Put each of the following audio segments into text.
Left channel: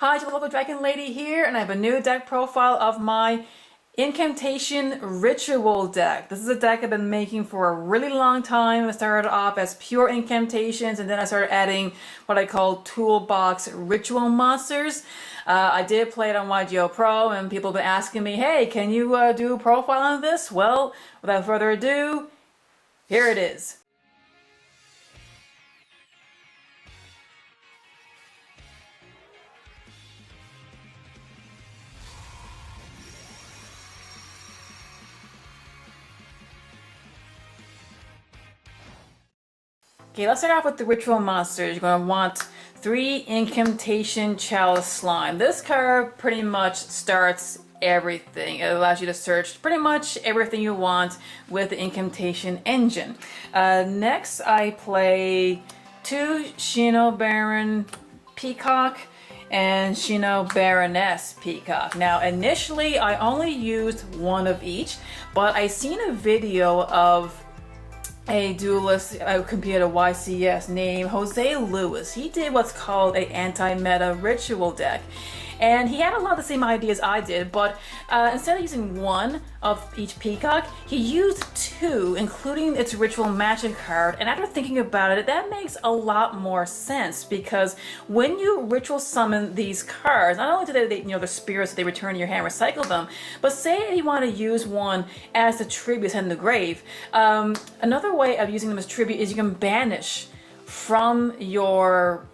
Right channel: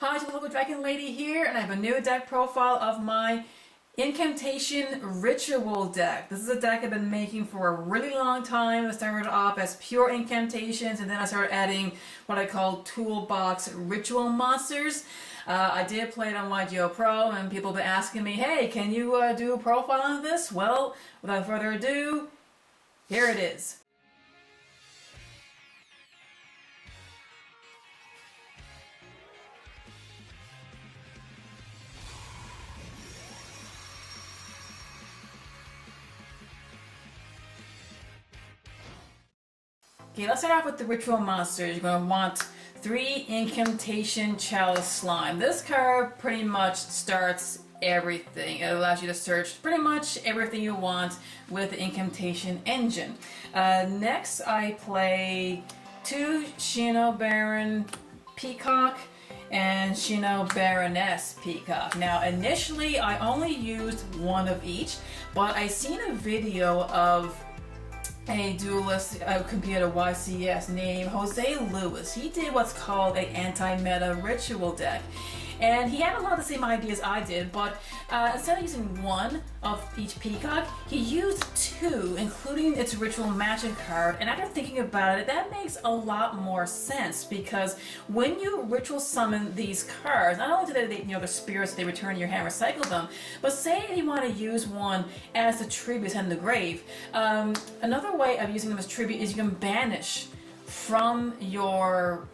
Hi, it's the local Dragon Lady here, and I have a new deck profile of my Incantation Ritual deck. This is a deck I've been making for a really long time. I started off as pure incantations, and then I started adding what I call toolbox ritual monsters. I did play it on YGO Pro, and people have been asking me, hey, can you do a profile on this? Well, without further ado, here it is. Okay, let's start off with the ritual monsters. You're going to want 3 Incantation Chalice Slime. This card pretty much starts everything. It allows you to search pretty much everything you want with the Incantation engine. Next, I play 2 Shino Baron Peacock and Shino Baroness Peacock. Now, initially, I only used one of each, but I seen a video of a duelist computer YCS named Jose Lewis. He did what's called an anti-meta ritual deck. And he had a lot of the same ideas I did, but instead of using one of each peacock, he used 2, including its ritual magic card. And after thinking about it, that makes a lot more sense, because when you ritual summon these cards, not only do they the spirits, they return to your hand, recycle them, but say you want to use one as a tribute in the grave. Another way of using them as tribute is you can banish from your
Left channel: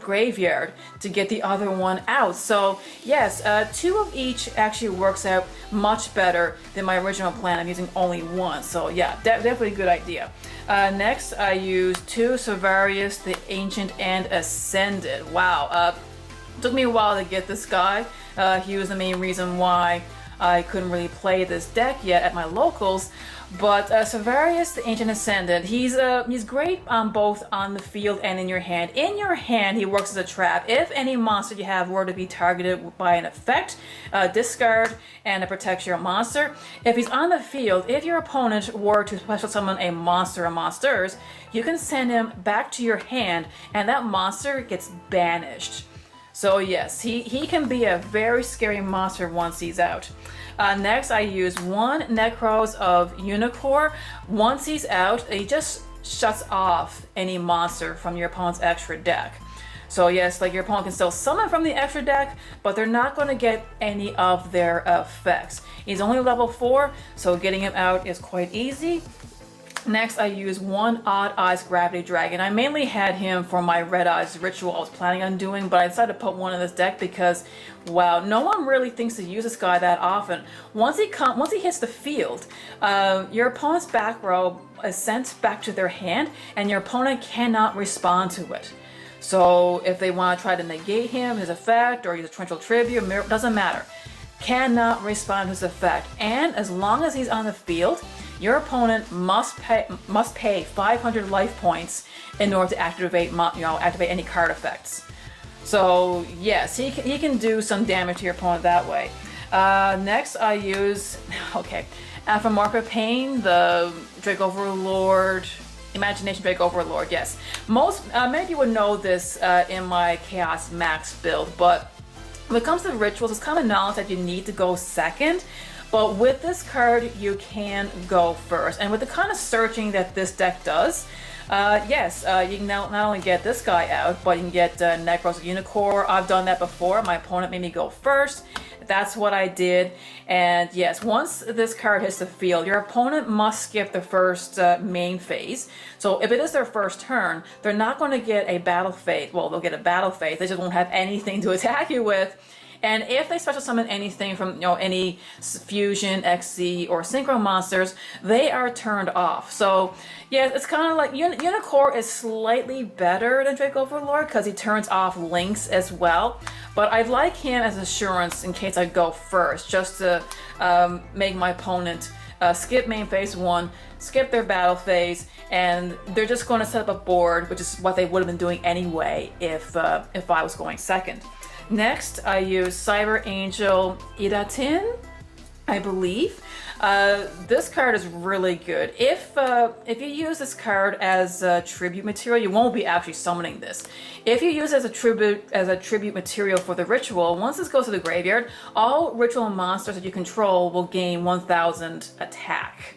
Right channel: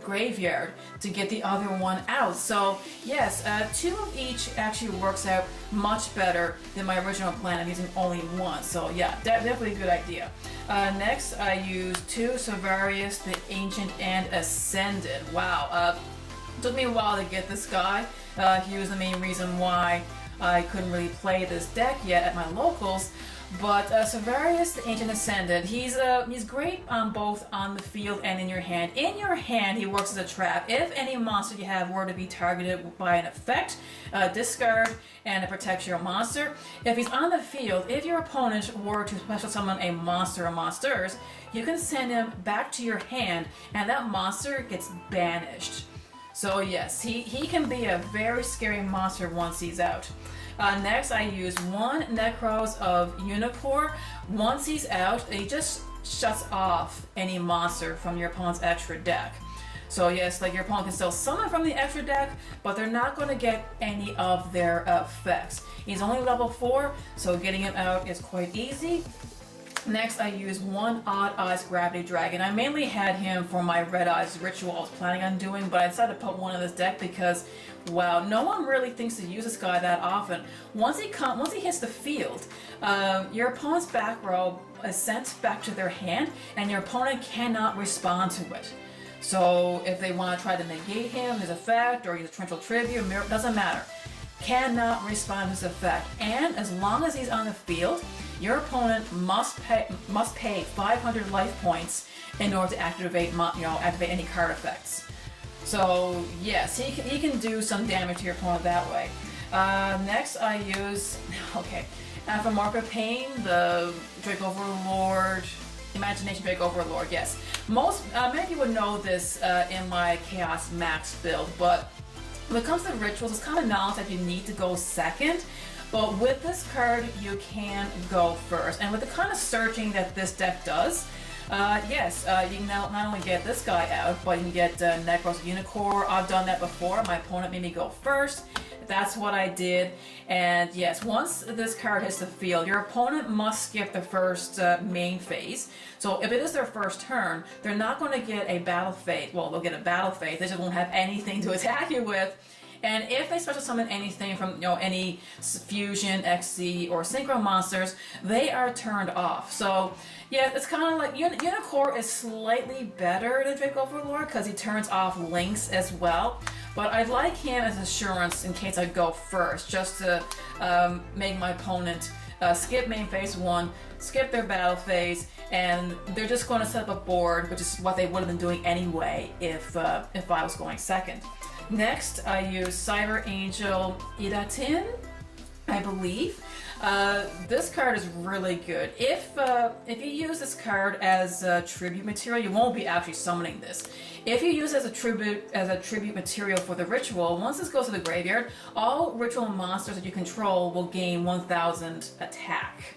graveyard to get the other one out. So yes, 2 of each actually works out much better than my original plan of using only one. So yeah, definitely a good idea. Next, I use 2 Savarius, the Ancient and Ascended. Wow, took me a while to get this guy. He was the main reason why I couldn't really play this deck yet at my locals. But Savarius, the Ancient Ascended, he's great both on the field and in your hand. In your hand, he works as a trap. If any monster you have were to be targeted by an effect, discard and it protects your monster. If he's on the field, if your opponent were to special summon a monster or monsters, you can send him back to your hand and that monster gets banished. So yes, he can be a very scary monster once he's out. Next, I use 1 Necros of Unicorn. Once he's out, he just shuts off any monster from your opponent's extra deck. So yes, like your opponent can still summon from the extra deck, but they're not going to get any of their effects. He's only level 4, so getting him out is quite easy. Next, I use 1 Odd Eyes Gravity Dragon. I mainly had him for my Red Eyes ritual I was planning on doing, but I decided to put one in this deck because, wow, no one really thinks to use this guy that often. Once he hits the field, your opponent's back row is sent back to their hand, and your opponent cannot respond to it. So if they want to try to negate him, his effect, or use a torrential tribute, doesn't matter. Cannot respond to his effect, and as long as he's on the field, your opponent must pay 500 life points in order to activate any card effects. So yes, he can do some damage to your opponent that way. Next, I use Aphomarca Pain, the Drake Overlord, Imagination Drake Overlord. Yes, many people would know this in my Chaos Max build, but when it comes to rituals, it's common knowledge that you need to go second. But with this card, you can go first. And with the kind of searching that this deck does, yes, you can not only get this guy out, but you can get Necros Unicorn. I've done that before. My opponent made me go first. That's what I did. And yes, once this card hits the field, your opponent must skip the first main phase. So if it is their first turn, they're not going to get a battle phase. Well, they'll get a battle phase. They just won't have anything to attack you with. And if they special summon anything from any fusion, XC, or synchro monsters, they are turned off. So yeah, it's kind of like Unicorn is slightly better than Drake Overlord because he turns off links as well. But I'd like him as assurance in case I go first, just to make my opponent skip main phase 1, skip their battle phase, and they're just going to set up a board, which is what they would have been doing anyway if I was going second. Next, I use Cyber Angel Idatin. I believe. This card is really good. If you use this card as tribute material, you won't be actually summoning this. If you use it as a tribute material for the ritual, once this goes to the graveyard, all ritual monsters that you control will gain 1,000 attack,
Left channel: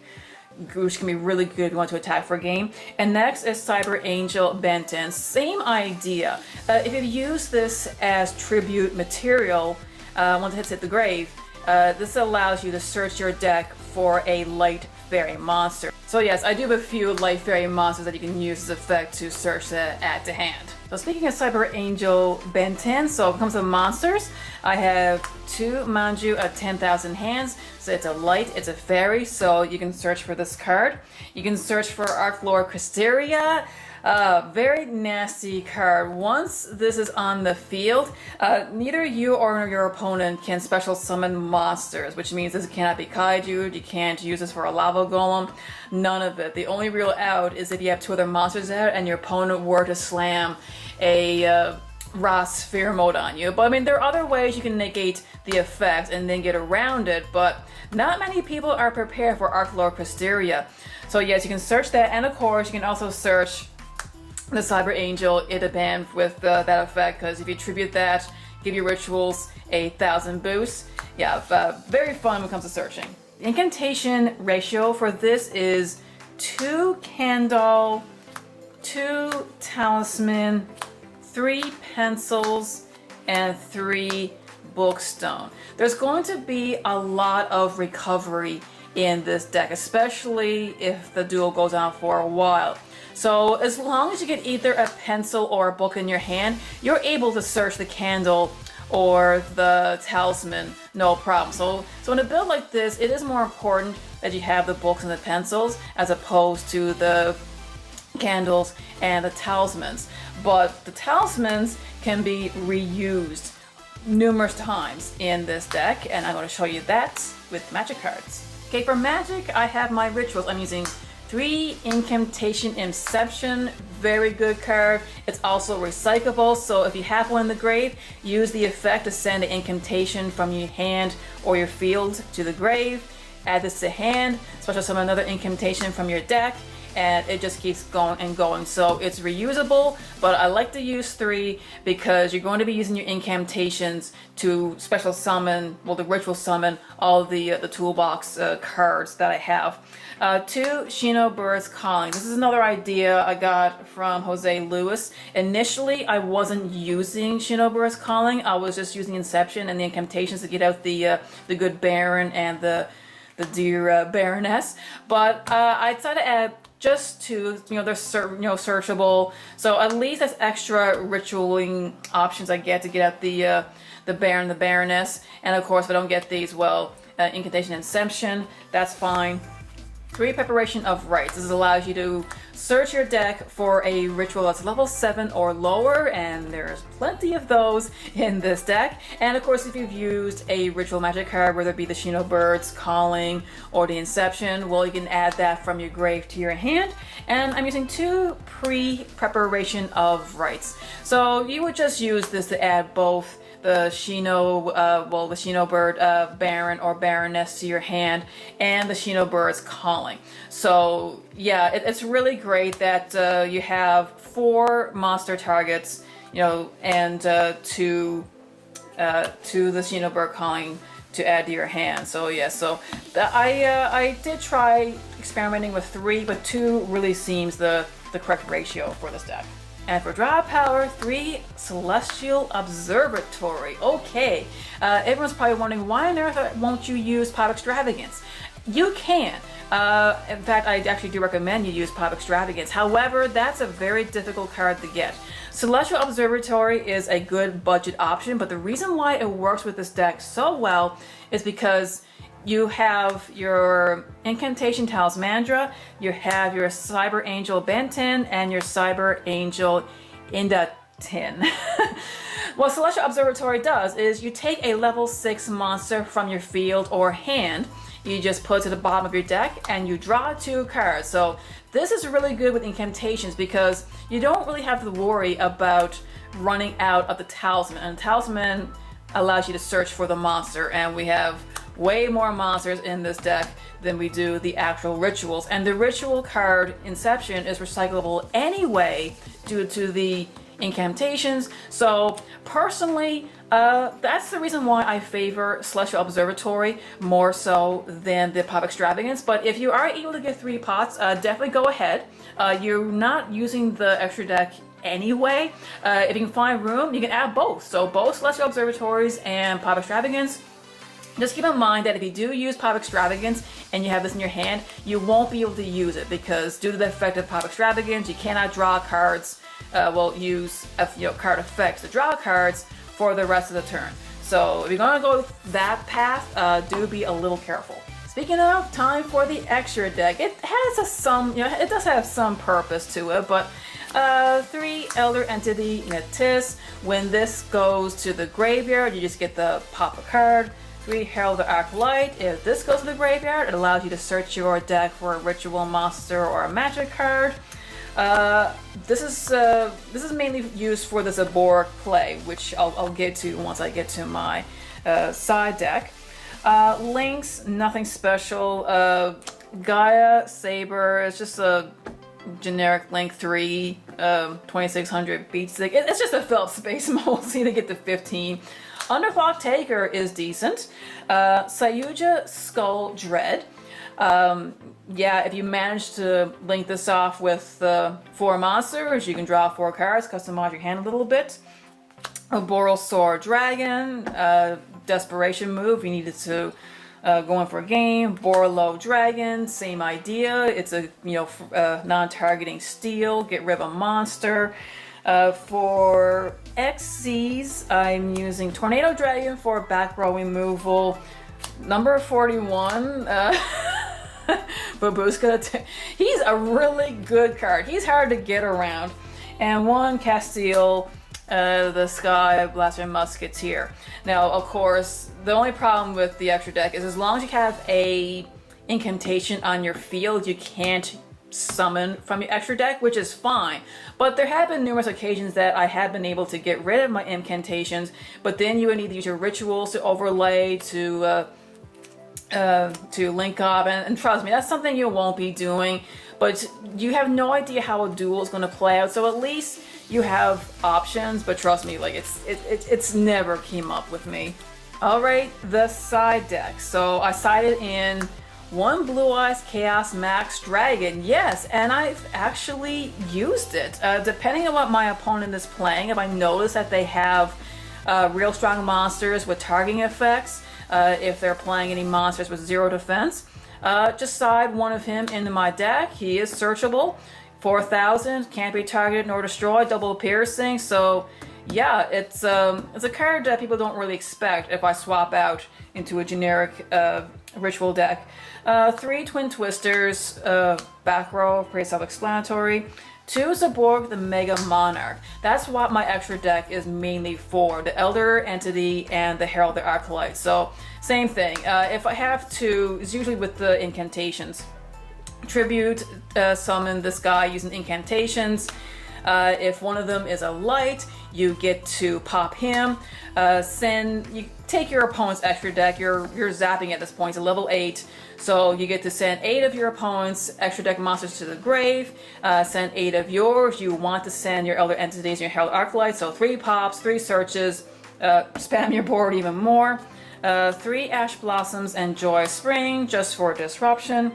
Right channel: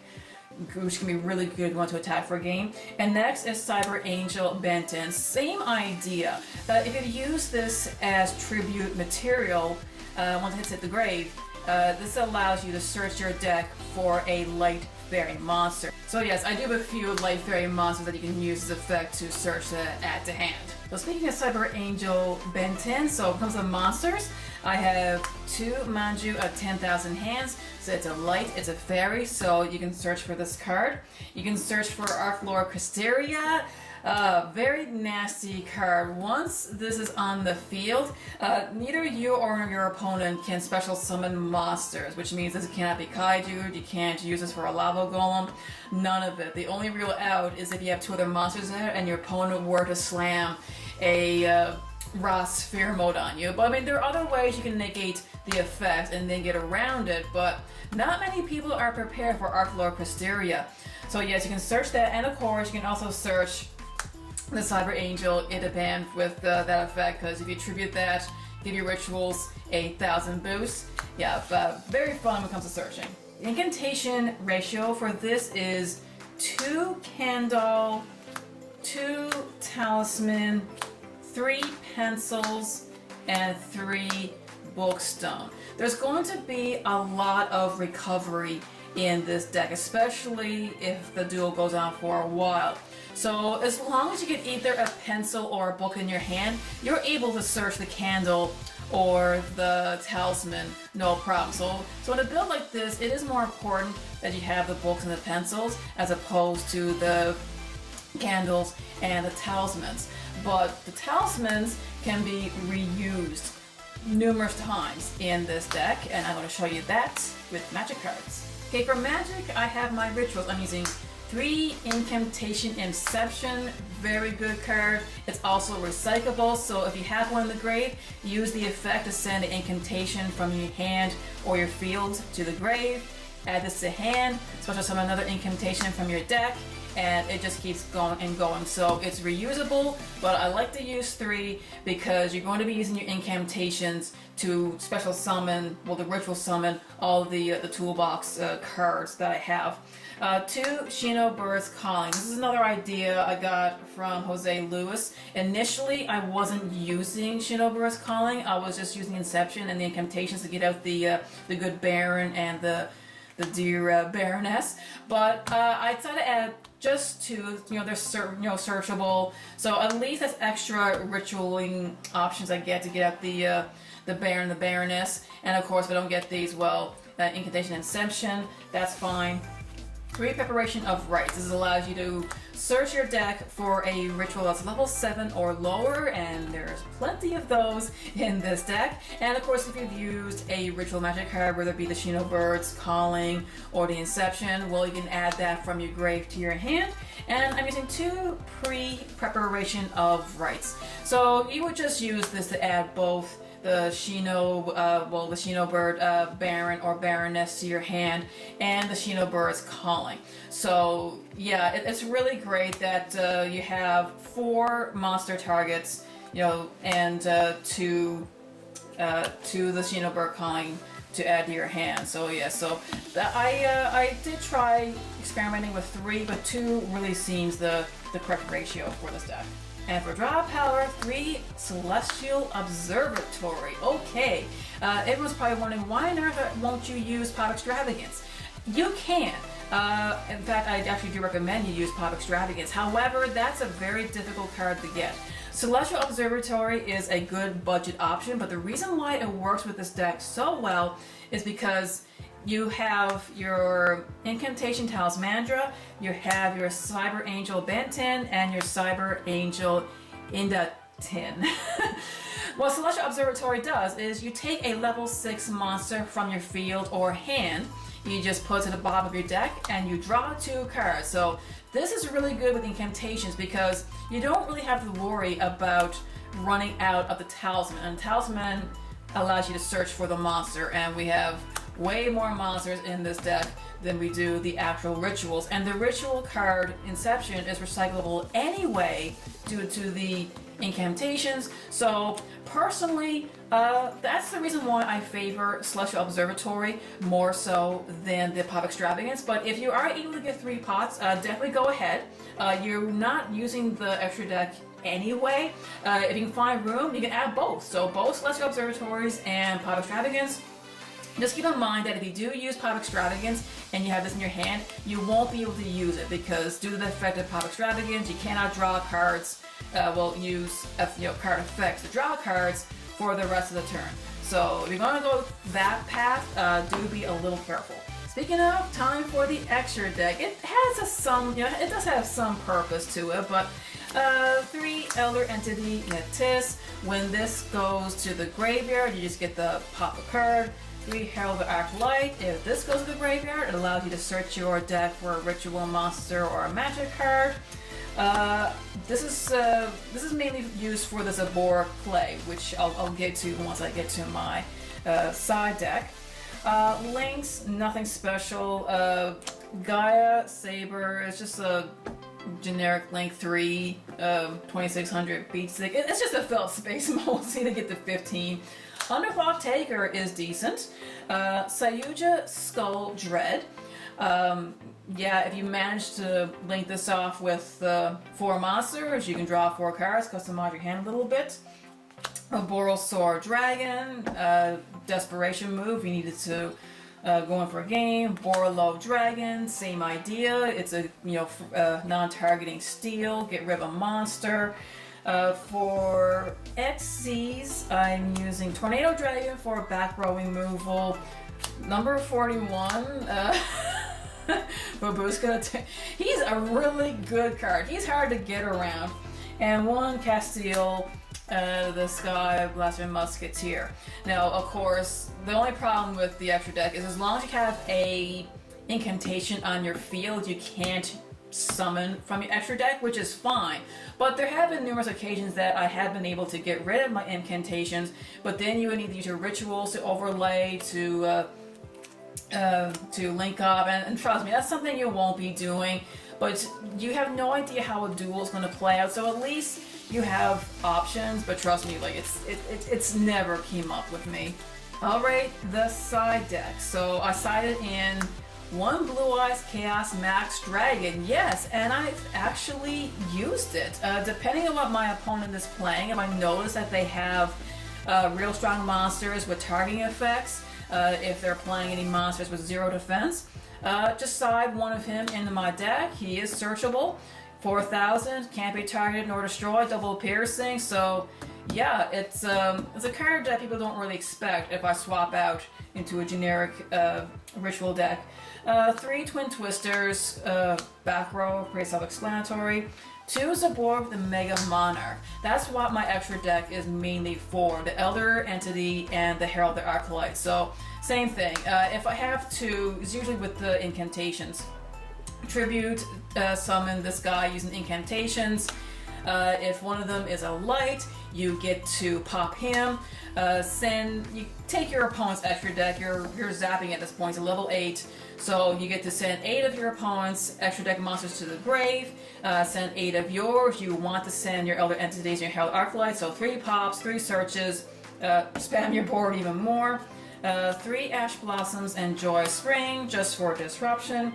which can be really good if you want to attack for a game. And next is Cyber Angel Benton. Same idea. If you use this as tribute material, once it hits the grave, this allows you to search your deck for a light fairy monster. So yes, I do have a few light fairy monsters that you can use as effect to search to add to hand. So speaking of Cyber Angel Benton, so when it comes to monsters, I have 2 Manju at 10,000 hands. So it's a light, it's a fairy, so you can search for this card. You can search for Archlord Cristeria. Very nasty card. Once this is on the field, neither you or your opponent can special summon monsters, which means this cannot be kaiju, you can't use this for a lava golem, none of it. The only real out is if you have 2 other monsters out and your opponent were to slam a Ra Sphere mode on you. But I mean, there are other ways you can negate the effect and then get around it, but not many people are prepared for Archlord Cristeria. So yes, you can search that, and of course you can also search the Cyber Angel Idaban with that effect, because if you tribute that, give your rituals 1,000 boost. Yeah, very fun when it comes to searching. The incantation ratio for this is 2 Candle, 2 Talisman, 3 Pencils, and 3 Bookstone. There's going to be a lot of recovery in this deck, especially if the duel goes on for a while. So as long as you get either a pencil or a book in your hand, you're able to search the candle or the talisman, no problem. So in a build like this, it is more important that you have the books and the pencils as opposed to the candles and the talismans. But the talismans can be reused numerous times in this deck, and I'm going to show you that with magic cards. Okay, for magic, I have my rituals. I'm using 3 Incantation Inception, very good card. It's also recyclable, so if you have one in the grave, use the effect to send an incantation from your hand or your field to the grave. Add this to hand, special summon another incantation from your deck, and it just keeps going and going. So it's reusable, but I like to use 3 because you're going to be using your incantations to special summon, well, the ritual summon all the toolbox cards that I have. 2 Shino Bird's Calling. This is another idea I got from Jose Luis. Initially, I wasn't using Shino Bird's Calling. I was just using Inception and the incantations to get out the good Baron and the dear Baroness. But I decided to add just 2. They're searchable. So at least that's extra ritualing options I get to get out the Baron, the Baroness. And of course, if I don't get these, well, Incantation Inception, that's fine. 3 Preparation of Rites. This allows you to search your deck for a ritual that's level 7 or lower, and there's plenty of those in this deck. And of course, if you've used a ritual magic card, whether it be the Shino Bird's Calling or the Inception, well, you can add that from your grave to your hand. And I'm using 2 Preparation of Rites. So you would just use this to add both the Shino Bird Baron or Baroness to your hand, and the Shino Bird's Calling. So yeah, it's really great that you have 4 monster targets, and to the Shino Bird Calling to add to your hand. So yeah, I did try experimenting with 3, but 2 really seems the correct ratio for this deck. And for draw power, 3 Celestial Observatory. Okay, everyone's probably wondering, why on earth won't you use Pop Extravagance? You can. In fact, I actually do recommend you use Pop Extravagance. However, that's a very difficult card to get. Celestial Observatory is a good budget option, but the reason why it works with this deck so well is because you have your Incantation Talismandra, you have your Cyber Angel Benton, and your Cyber Angel Indatin. What Celestial Observatory does is you take a level 6 monster from your field or hand, you just put it to the bottom of your deck, and you draw 2 cards. So this is really good with incantations because you don't really have to worry about running out of the talisman. And talisman allows you to search for the monster, and we have way more monsters in this deck than we do the actual rituals. And the ritual card Inception is recyclable anyway due to the incantations. So personally, that's the reason why I favor Celestial Observatory more so than the Pop Extravagance. But if you are able to get 3 pots, definitely go ahead. You're not using the extra deck anyway. If you can find room, you can add both. So both Celestial Observatories and Pop Extravagance. Just keep in mind that if you do use Pop Extravagance and you have this in your hand, you won't be able to use it because due to the effect of Pop Extravagance, you cannot draw cards, use card effects to draw cards for the rest of the turn. So if you're going to go that path, do be a little careful. Speaking of, time for the extra deck. It has it does have some purpose to it, but 3 Elder Entity in a Tis. When this goes to the graveyard, you just get the pop a card. 3 Herald the Acolyte. If this goes to the graveyard, it allows you to search your deck for a ritual monster or a magic card. This is mainly used for the Zabor play, which I'll get to once I get to my side deck. Links, nothing special. Gaia, Saber, it's just a generic Link 3, 2600 beat stick. It's just a felt space multi to get to 15. Underclock Taker is decent. Sayuja Skull Dread. Yeah, if you manage to link this off with 4 monsters, you can draw 4 cards, customize your hand a little bit. A Borosor Dragon, desperation move, you needed to go in for a game. Borlo Dragon, same idea. It's a non-targeting steal, get rid of a monster. For XCs, I'm using Tornado Dragon for back row removal. Number 41, Babushka. He's a really good card. He's hard to get around. And 1 Castile, the Sky Blaster Musketeer. Now, of course, the only problem with the extra deck is as long as you have a incantation on your field, you can't summon from your extra deck, which is fine. But there have been numerous occasions that I have been able to get rid of my incantations, but then you would need to use your rituals to overlay to link up, and trust me, that's something you won't be doing. But you have no idea how a duel is going to play out, so at least you have options. But trust me, like it's never came up with me. All right, the side deck. So I sided in 1 Blue Eyes Chaos Max Dragon, yes, and I've actually used it. Depending on what my opponent is playing, if I notice that they have real strong monsters with targeting effects, if they're playing any monsters with 0 defense, just side 1 of him into my deck. He is searchable, 4,000, can't be targeted nor destroyed, double piercing, so yeah, it's a card that people don't really expect if I swap out into a generic ritual deck. 3 Twin Twisters, back row, pretty self-explanatory. 2 Zaborg the Mega Monarch. That's what my extra deck is mainly for, the Elder Entity and the Herald the Acolyte. So, same thing. If I have to, it's usually with the incantations. Tribute, summon this guy using incantations. If one of them is a light, you get to pop him. You take your opponent's extra deck. You're zapping at this point. It's a level 8, so you get to send 8 of your opponent's extra deck monsters to the grave. Send 8 of yours. You want to send your Elder Entities and your Herald Arclight. So 3 pops, 3 searches. Spam your board even more. 3 Ash Blossoms and Joy Spring just for disruption.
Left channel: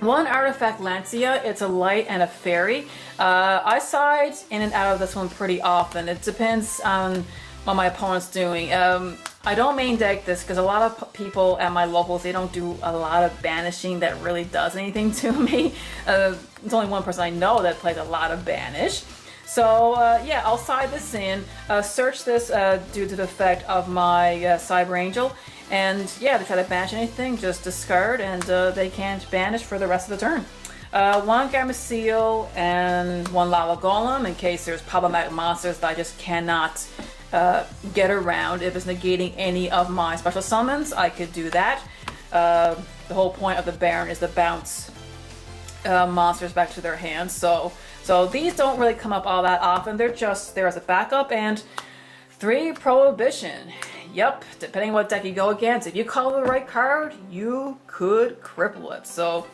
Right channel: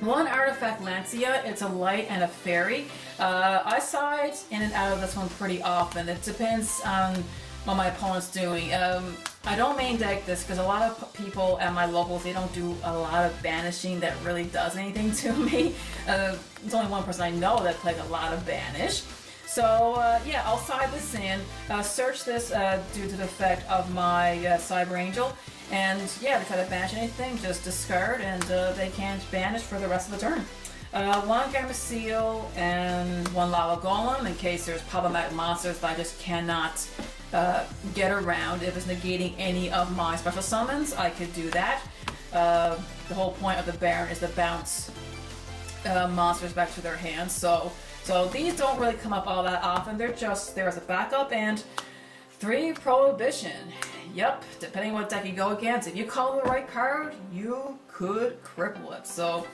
1 Artifact Lancia, it's a light and a fairy. I side in and out of this one pretty often. It depends on what my opponent's doing. I don't main deck this because a lot of people at my locals, they don't do a lot of banishing that really does anything to me. There's only one person I know that plays a lot of banish. So yeah, I'll side this in, search this due to the effect of my Cyber Angel, and yeah, if they try to banish anything, just discard and they can't banish for the rest of the turn. 1 Gamma and 1 Lava Golem in case there's problematic monsters that I just cannot get around. If it's negating any of my special summons, I could do that. The whole point of the Baron is to bounce monsters back to their hands, so these don't really come up all that often. They're just there as a backup, and 3 Prohibition. Yep, depending what deck you go against, if you call the right card, you could cripple it. So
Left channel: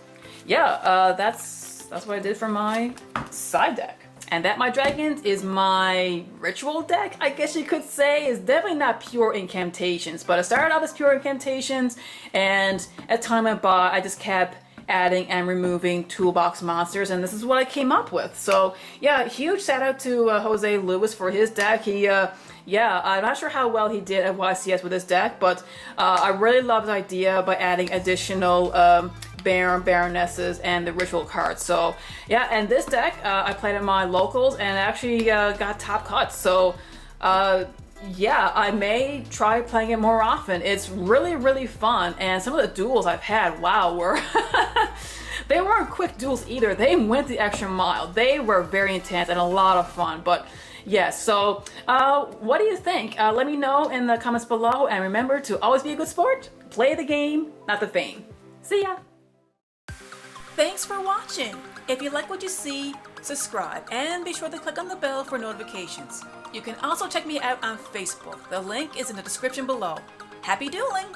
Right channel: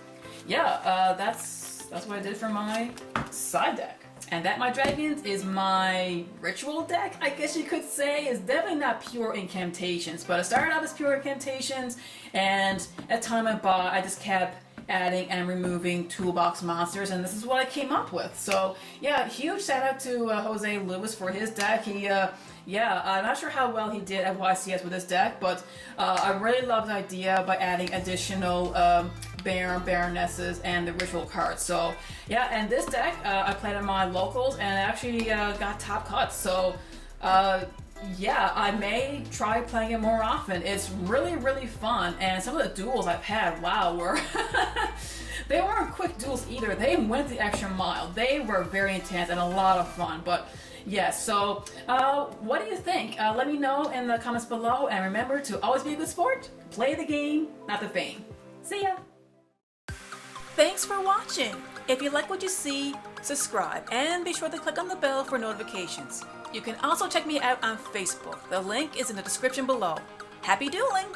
yeah, that's what I did for my side deck. And that, my dragons, is my ritual deck, I guess you could say. It's definitely not pure incantations, but I started out as pure incantations, and as time went by, I just kept adding and removing toolbox monsters, and this is what I came up with. So yeah, huge shout out to Jose Lewis for his deck. He yeah, I'm not sure how well he did at YCS with his deck, but I really love the idea by adding additional Baron, Baronesses, and the ritual cards. So yeah, and this deck I played in my locals and actually got top cuts. So yeah, I may try playing it more often. It's really, really fun, and some of the duels I've had, wow, were they weren't quick duels either. They went the extra mile. They were very intense and a lot of fun. But yeah, so what do you think? Let me know in the comments below, and remember to always be a good sport. Play the game, not the fame. See ya! Thanks for watching. If you like what you see, subscribe and be sure to click on the bell for notifications. You can also check me out on Facebook. The link is in the description below. Happy dueling!